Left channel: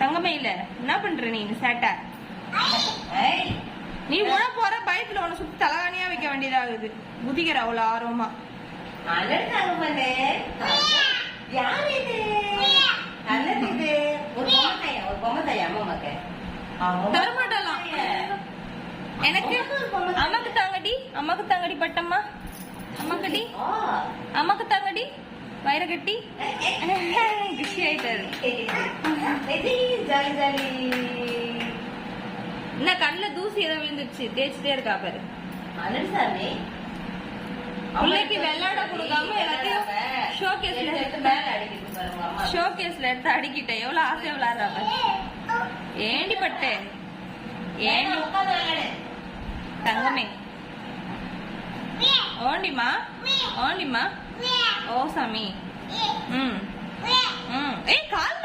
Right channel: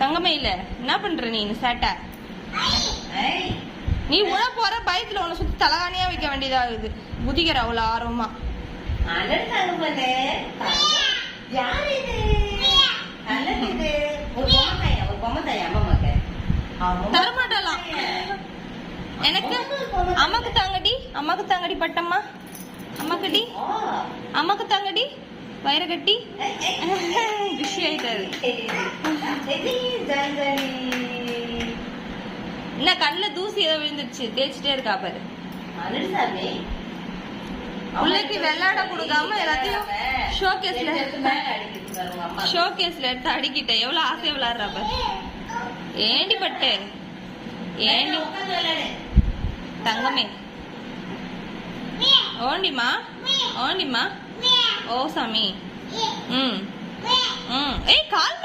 தங்கமே இல்ல என்ன பண்ற நீ சேட்டை? நீ உட போற பயத்துல உன்னை சுத்தி தலகாணியா வைக்க வேண்டியதாகுது. குதிக்கிற அவ்வளவு ஆர்வமா. தரமாட்டாலாம் எனக்கு. அம்மாக்கு தாங்கடி, அம்மாக்கு தாங்கடி பட்டம்மா, அம்மாக்கடி, அம்மாக்கு தாங்கடி வயிற கட்டி. குஷி ஆயிட்டாரு. என்ன கண்ணுல தூசி ஏதோ விழுந்துருச்சு, தேய்ச்சிட்டே இருக்கா பாரு. பிள்ளைக்கு விளையாட கொடுக்காம எல்லாத்தையும் ஷோகேஸ்ல எடுத்து அடிக்கிட்ட. எவ்வளவு ஆசையா விளையாடுறா பாரு. ஏண்டி பட்டு, ஏண்டி தங்கமே, ஓண்டிமா ஓண்டிமா. ஓ சாமி. ஏய் கால்